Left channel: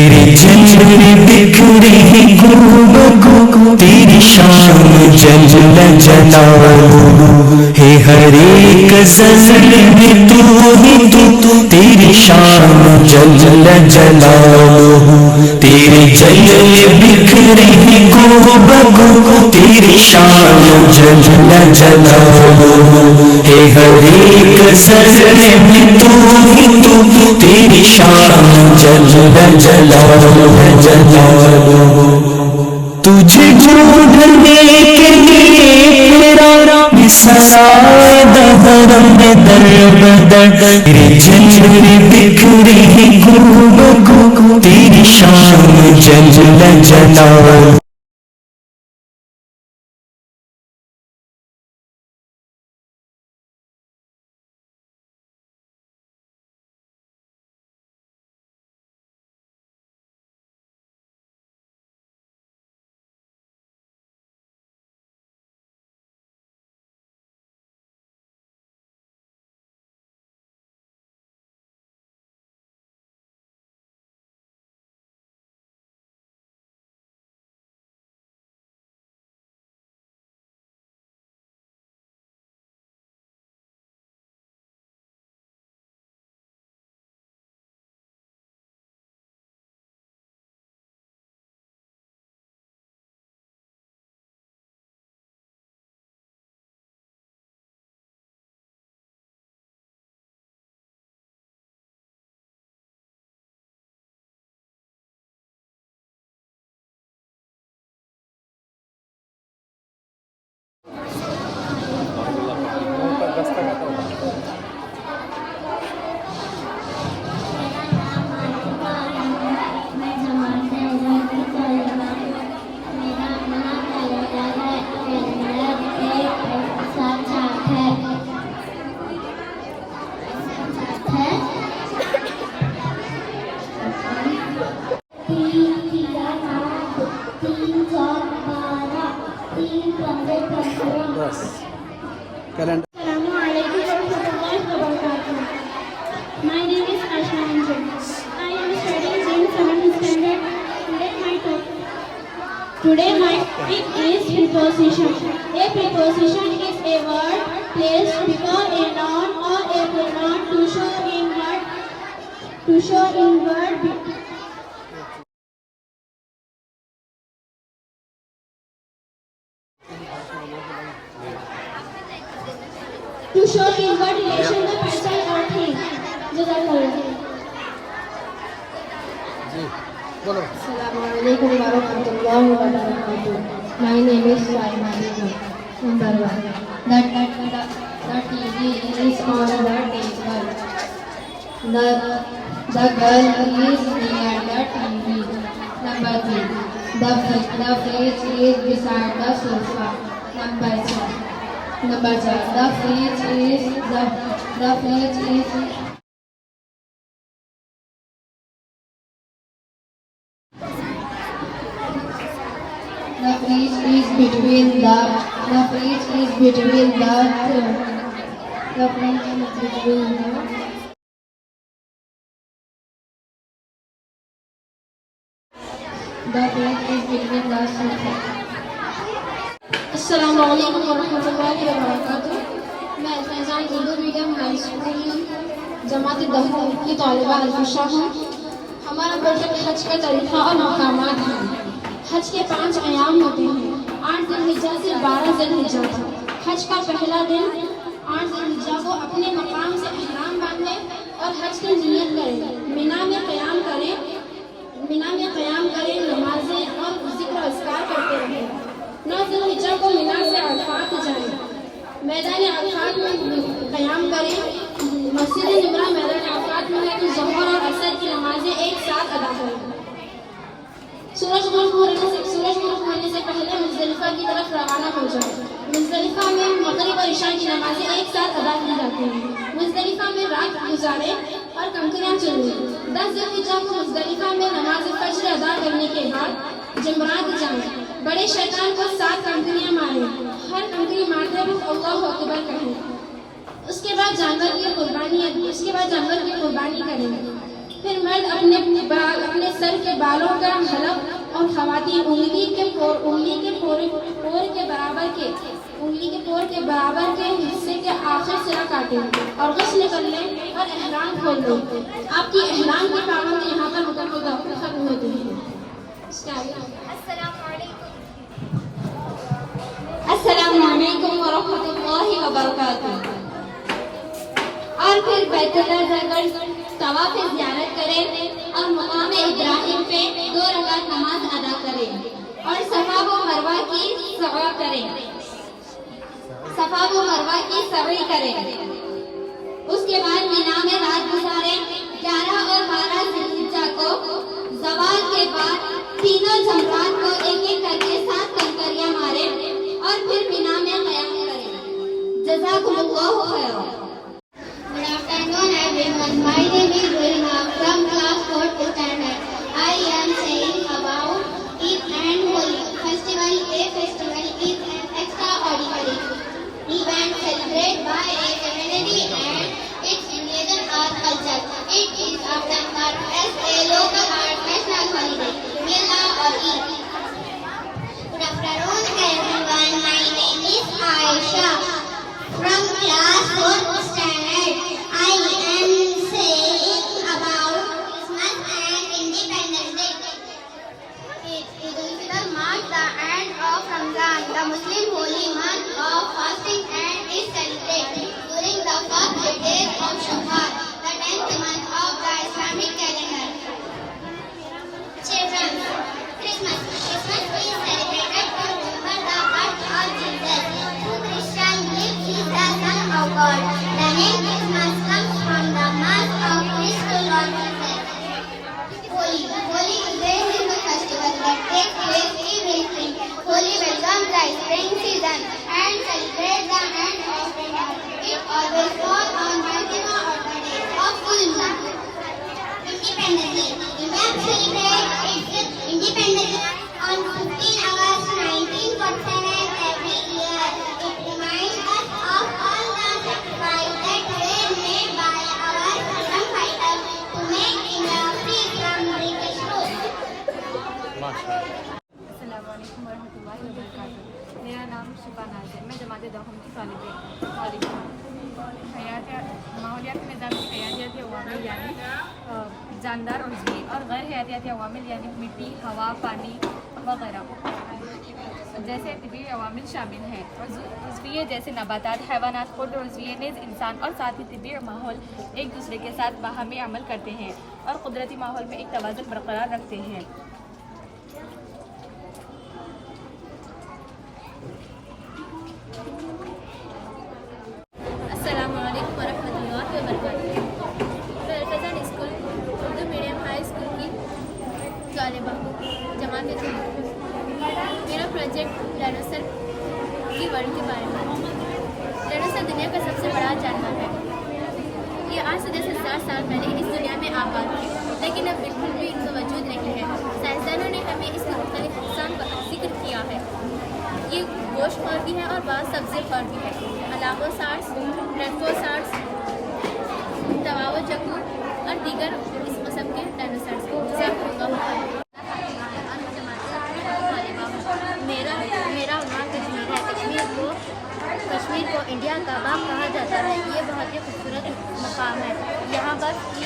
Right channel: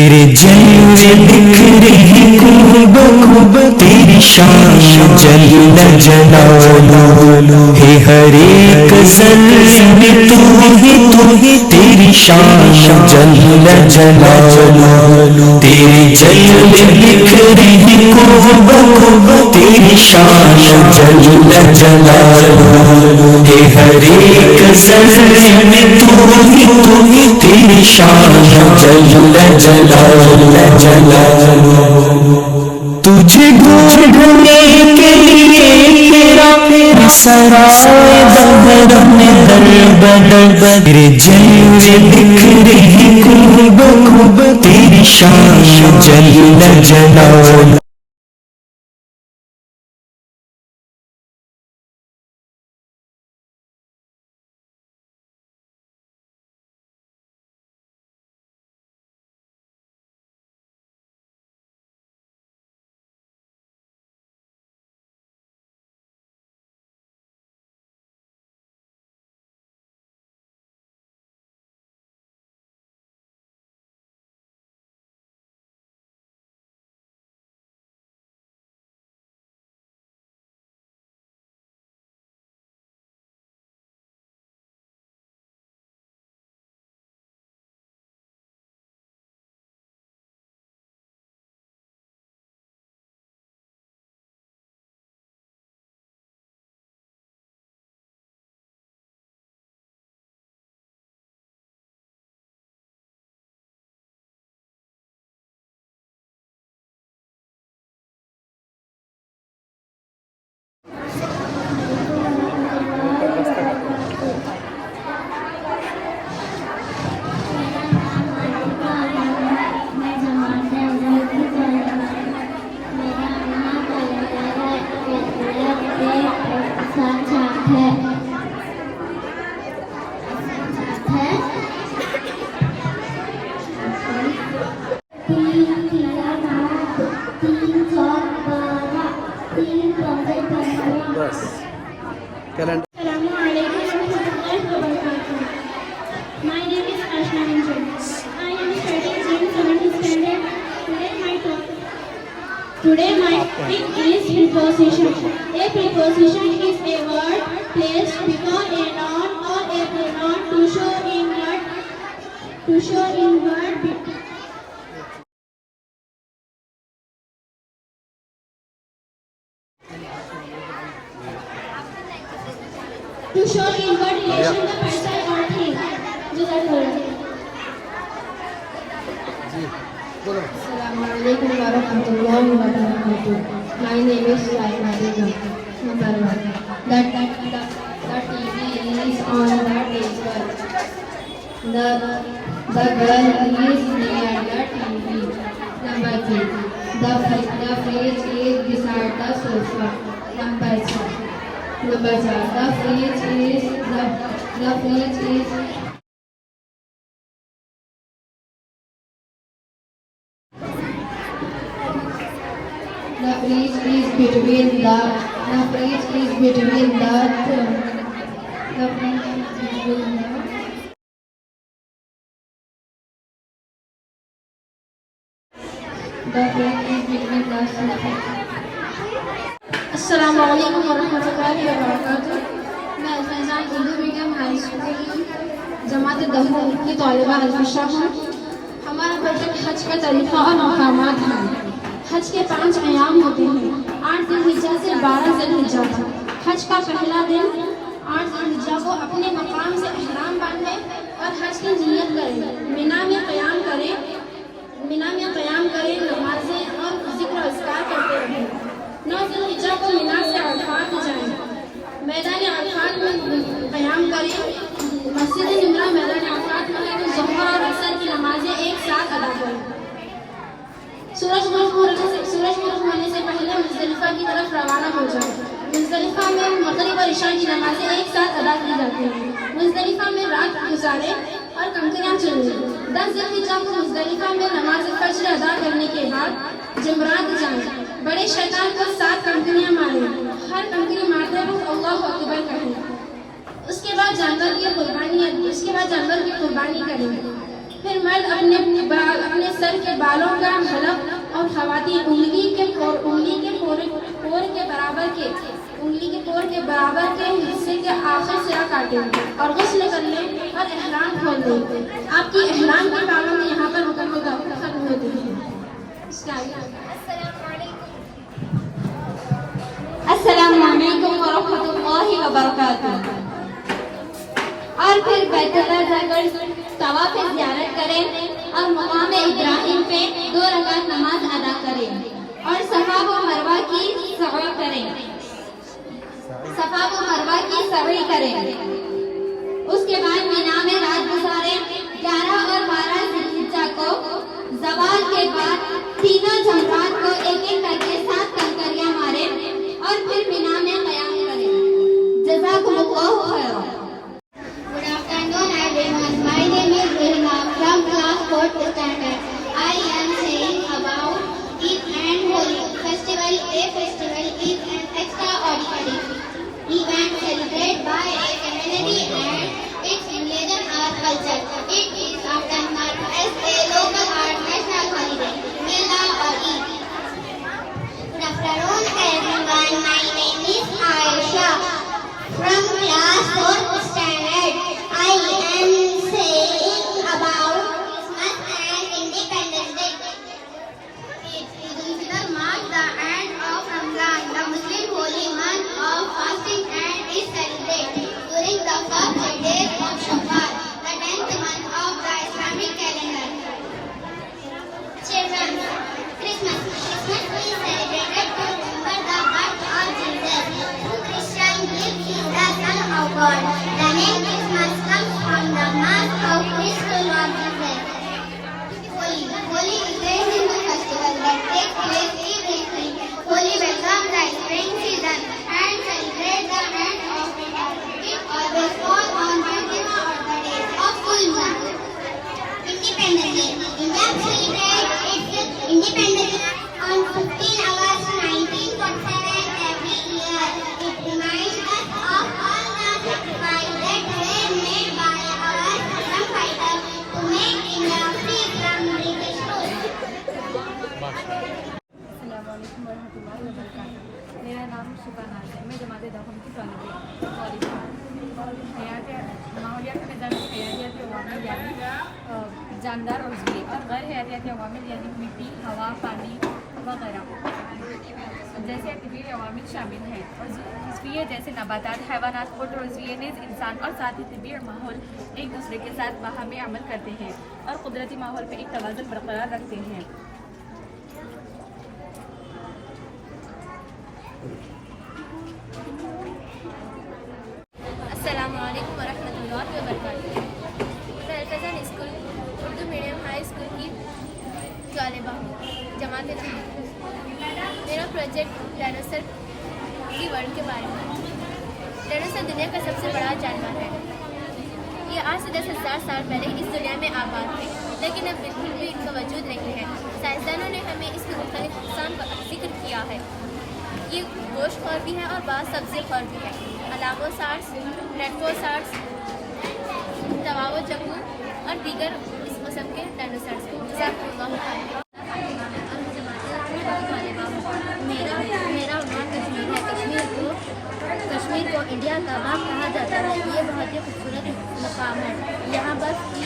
तेरे जलवे बिखरे हैं खूब खूब, तेरी शान जल्ल जलालुहु है हर एक ज़र्रे में तू ही तू, तेरी शान जल्ल जलालुहु। तेरे जलवे बिखरे हैं खूब खूब, तेरी शान जल्ल जलालुहु है हर एक ज़र्रे में तू ही तू, तेरी शान जल्ल जलालुहु। तुझे ढूंढने के लिए फिरा सराय दहर में दर बदर, तेरे जलवे बिखरे हैं खूब खूब, तेरी शान जल्ल जलालुहु। My name is Ashna Anjan. I am studying in 7th standard. Today my topic is preposition. A preposition is a word placed before a noun or a pronoun to show in word. To show in word relation the person or thing. Assalamualaikum warahmatullahi wabarakatuh. My name is Saina Begum. Number 1. The TV is on the table. The girl is near the TV. Number 2. The fridge is beside the sofa. Number 4. The fridge is between the Assalamualaikum warahmatullahi wabarakatuh. मैं फैजान इंदू medium high school जमात दहू की तालिबा अल्फिशा हूँ। हमारा project हज का तरीक़ा और मकामात है। हज के 5 अयाम होते हैं, 8 ज़िलहिज्जा से 12 ज़िलहिज्जा तक। हज का पहला दिन 8 ज़िलहिज्जा को अपने मकाम से एहराम बांधे और हज की नियत करें। मिना में क़याम करें, नमाज़ें और ज़िक्र अस्कार करते रहें। 9 ज़िलहिज्जा को मिना से अरफात जाएं, मैदान अरफात में क़याम करें। मस्जिद निमरा मैदान अरफात में है तो ज़ोहर और असर की नमाज़ें एक साथ अदा करें। सूरज मुल्क होने से पहले मुज़दलिफ़ा की तरफ रवाना हो जाए। मुज़दलिफ़ा में मग़रिब और इशा की नमाज़ें एक साथ अदा की जाती हैं। मुज़दलिफ़ा में रात गुजारें और कंकरियाँ चुनें। 10 ज़िलहिज्जा को मुज़दलिफ़ा में नमाज़ फ़ज्र अदा करने के बाद जमरात जाएं। बड़े शैतान को 7 कंकरियाँ मारें। हर कंकरी मारते वक्त अल्लाहु अकबर कहें। उसके बाद जानवर की कुर्बानी करें। फिर मर्द अपने सर के बालों का हलक और खवातीन उंगली के पोर के बराबर के हिस्से के आखिर सिरा काटेंगे और गुस्ल कर लें और एहराम खोल देंगे। आपकी एहराम की पाबंदी यहाँ पर मुकम्मल खत्म होती है। अस्सलामु अलैकुम व रहमतुल्लाहि व बरकातुहू। और फिर बैतुल्लाह जाकर तवाफ ज़ियारत करें और मकाम इब्राहिम पे 2 रकात नमाज अदा करें और सफा व मरवा की सवाई करें। उसके बाद मीना में रात गुजारें। 11 और 12 ज़िलहिज्जा को ज़वाल के बाद तीनों जमरात को एक-एक करके 7 कंकरियां मारें और फिर मीना में क़याम करें। जज़ाकुमुल्लाहु खैर। Good afternoon, everyone. My name is Rihma from class 4th standard. I am saying about Eid and Holi festival. A festival is an extraordinary event celebrated by a community and its religion or culture. It is often marked as a local or national holiday, Milad or Eid. Good afternoon, everyone. My name is Aisha from class 4th standard. I am saying about Christmas and Independence Day. Eid al-Fitr marks the end of Ramadan, the Muslim holy month of fasting, and is celebrated during the first 8 days of Shawwal, the 10th month of the Islamic calendar. Children, Christmas is celebrated to remember the birth of Jesus. To Christians, gift is the Son of God. The name Christmas comes from the mass of Christ Lord Jesus. Holi is a Hindu festival that takes place every spring. Holi welcomes the spring season and celebrates the end of winter. It always falls on beautiful day of full moon. Independence Day. India celebrates its independence on 15 August 1947 every year. It reminds us of all the sacrifices that were made by our freedom fighters to make India free from British rule. अस्सलामुअलैकुम वरहमतुल्लाहि वबरकातुहू। मेरा नाम शिफा नाज है। मैं जमात दहम की तालिब हूँ। माहौलियाती निज़ाम में हयातियाती अवामिल यानी जानदार उज़वी और गैर हयातियाती अवामिल यानी मिट्टी, हवा, पानी वगैरह जैसे तबीई अवामिल शामिल हैं। उज़विये जैसे नबातात, हैवानात और उज़विये नेज़ इंसान और साथ ही तबीई माहौल एक दूसरे के साथ बाहमी अमल करते हैं और कुदरती माहौल में एक तवाज़ुन बरकरार रखते हैं। अस्सलामुअलैकुम वरहमतुल्लाहि वबरकातुहू। मैं Alfazan school Urdu medium high school की तालिबा हूँ, जमात दहम। मेरा प्रोजेक्ट डायनासोर की वर्ल्ड के बारे में। डायनासोर दुनिया का सबसे बड़ा जानवर है। ये आज से 10,000 साल पहले इस दुनिया में आबाद थे, लेकिन अब बिल्कुल भी इनका वजूद नहीं है। साइंसदानों ने हमें इसके मुख्तलिफ अक़साम का जिक्र किया है। ये गोश्तखोर भी है और बाद सब्ज़ी खौर भी है। अलागोसार्स, रेडफोसार्स, तवावोजकूर और दीगर इस किस्म के डायनासोर्स मेरा उन्वान कश्मीर है। कश्मीर को इंडिया का बाग कहा जाता है। ये बहुत ही खूबसूरत मकाम है। यहाँ बर्फ़ की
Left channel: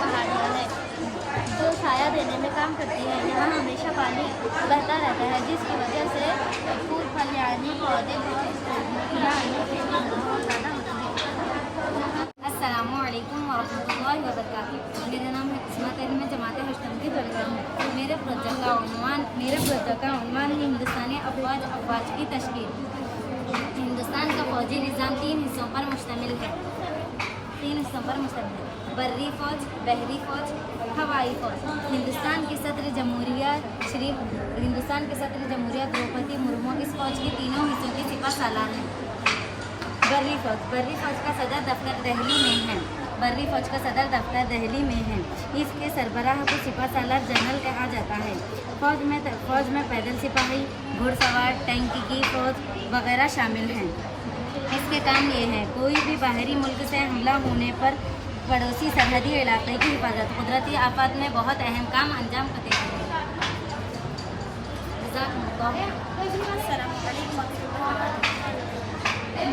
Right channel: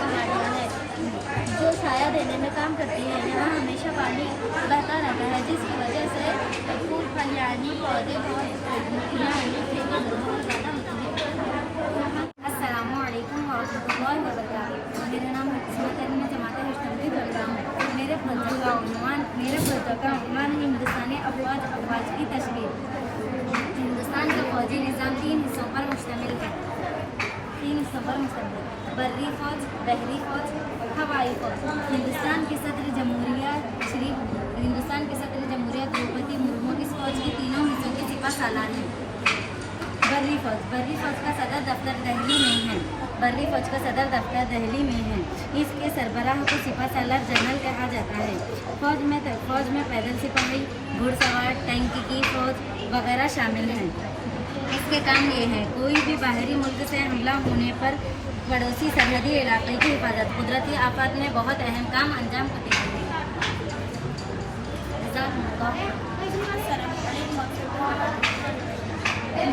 पहाड़ियाँ हैं जो साया देने में काम करती है। यहाँ हमेशा पानी बहता रहता है, जिसकी वजह से फूल फल यानी पौधे बहुत ज़्यादा होती है। अस्सलामुअलैकुम वरहमतुल्लाहि वबरकातुहू। मेरा नाम है किस्मत अली। मैं जमात हश्तम की तलबा हूँ। मेरे प्रोजेक्ट का उन्वान है हिंदुस्तानी अफवाज की तशकील। हिंदुस्तान का फौजी निज़ाम 3 हिस्सों पर मुश्तमिल है। बर्री फ़ौज, बहरी फ़ौज, हवाई फ़ौज। हिंदुस्तान के सदर जमहूरिया द्रौपदी मुर्मू इस फ़ौज के तीनों हिस्सों की सिपा सालार हैं। बर्री फ़ौज का सदर दफ्तर दिल्ली में है। इसके सरबराह को सिपा सालार जनरल कहा जाता है। फ़ौज में पैदल सिपाही, घुड़सवार, टैंकी की फ़ौज वगैरह शामिल हैं। इसके काम ये है, कोई भी बाहरी मुल्क से हमला होने पर पड़ोसी सरहदी इलाके की हिफाजत कुदरती आफत में बहुत अहम काम अंजाम करते हैं।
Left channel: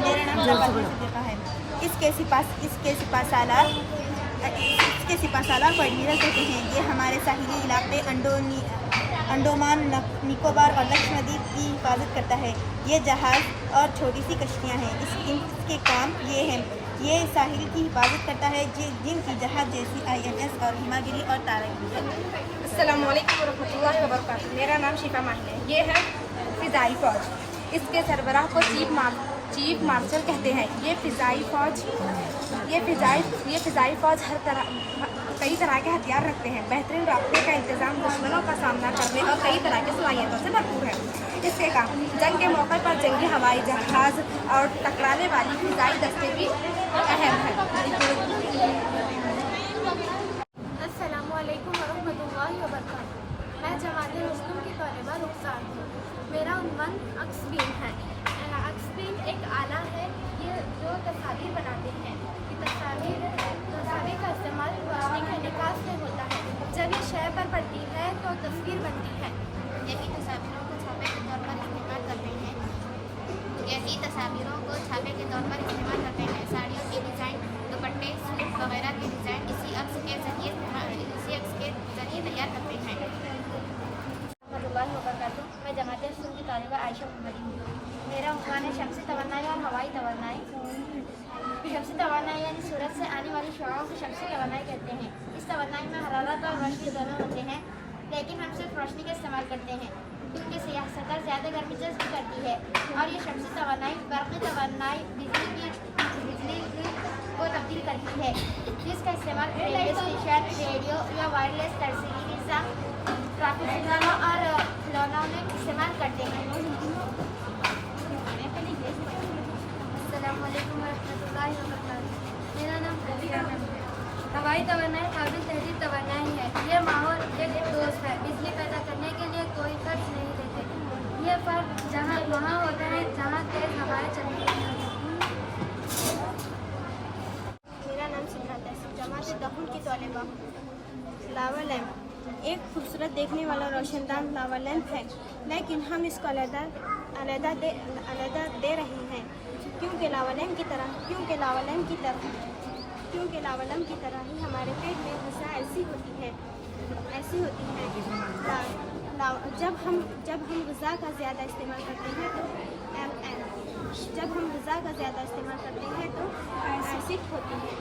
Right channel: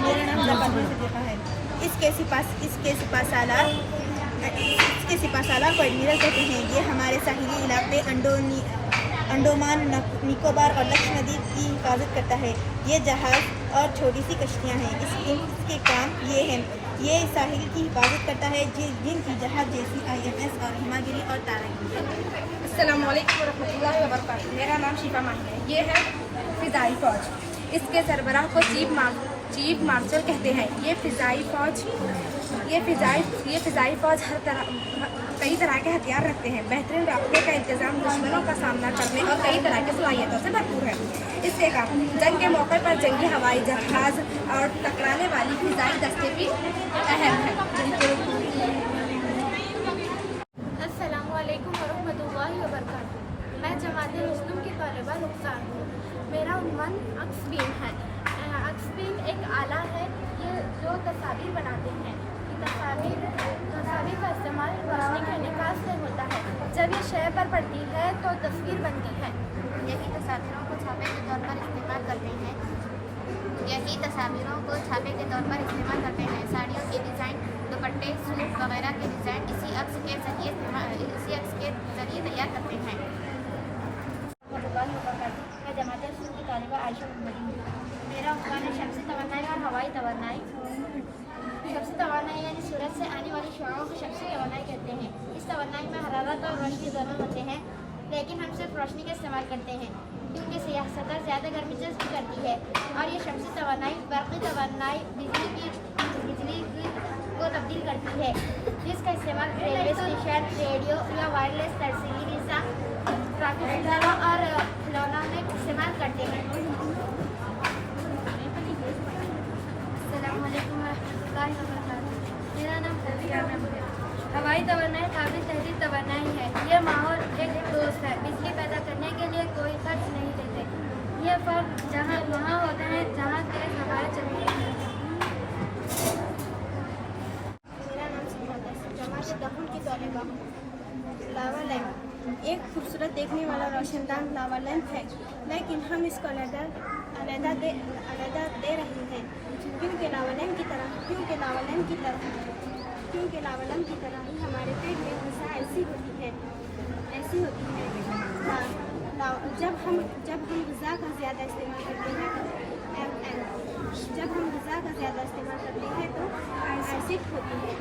मेरा नाम जफर सिद्दीक़ा है। इसके सिपा एडमिरल कहते हैं। ये हमारे साहिली इलाके अंडोमान निकोबार और लक्षद्वीप की हिफाजत करता है। ये जहाज़ और छोटी सी कश्तियाँ हैं। इसके काम ये हैं। ये साहिल की हिफाजत करता है जिनकी जहाज़ जैसी INS और हिमागिरी और तारंगी है। अस्सलामु अलैकुम वरहमतुल्लाहि वबरकातुहू। मेरा नाम शिफा माही है। ये है फ़िज़ाई फ़ौज। इसके सरबराह को चीफ मार्शल कहते हैं। ये फ़िज़ाई फ़ौज कई तरह के हथियार रखते हैं। बेहतरीन रास्ते का इंतज़ाम, दुश्मनों का सामना करने और कई तरह की सलाहियतों से भरपूर है। इसके काम जंग के मौके पर जंगी हवाई जहाज़ और टकराने वाली फ़िज़ाई दस्ते भी अहम है। अस्सलामु अलैकुम वरहमतुल्लाहि वबरकातुहू। मैं जमात मुस्लिम की तौलबा रुखसार हूँ। मेरा उन्वान अक्सबीन है। अक्सबीन एक आला है ये जो तस्वीर बनाते हैं। तस्वीर का इस्तेमाल रोशनी के निकास से होता है। जब ये शय पर पड़ती है तो तस्वीर बनती है। यही तस्वीरों को छापे के तौर पर इस्तेमाल करते हैं। साड़ियों की डिज़ाइन, दुपट्टे, सूट वगैरह के डिज़ाइन इसी अक्स के जरिए तैयार करते हैं। मैं जमात मुस्लिम की तालिबा आयशा मोहम्मदी हूँ। मेरा उन्वान है शम्सी तवन्नाई और हवाई तवन्नाई। शम्सी तवन्नाई यानी सूरज से आने वाली शुआओं को शम्सी तवन्नाई कहते हैं। इस तवन्नाई में हरारत और रोशनी दोनों होते हैं, लेकिन हम सिर्फ रोशनी का इस्तेमाल करते हैं क्योंकि सियासत ज़्यादा गर्मी जज्ब करती है। और ये शम्सी तवन्नाई बर्क़ी तवन्नाई बिजली को तब्दील करती है, जिसका इस्तेमाल रेलवे स्टेशन, रेडियो या वायरलेस तरसीली निज़ाम, ट्रैफिक सिग्नलों और खिलौनों में इस्तेमाल करते हैं। अस्सलामु अलैकुम वरहमतुल्लाहि वबरकातुहू। मेरा नाम हज़ीरा नम है। हवाई तवन्नाई काबिल तहरीर तवन्नाई है। ये माहौल एक दोस्त है। बिजली पैदा करने के लिए कोई खर्च नहीं देते। ये फर्क वहाँ होता है जहाँ तेज़ हवाएं चलती हैं। मेरा नाम सिद्धार्थ है। जमात दखुल की तौलबा। लावा लैंप एक खूबसूरत देखने वाला रोशनदान लावा लैंप है, लेकिन हम इसको अलहदा दे रहे हैं क्योंकि लावा लैंप की तरह ही हमारे पेट में गुस्सा ऐसी होती है। जब हम गुज़ा का ज़्यादा इस्तेमाल करते हैं तो एसिड होती है।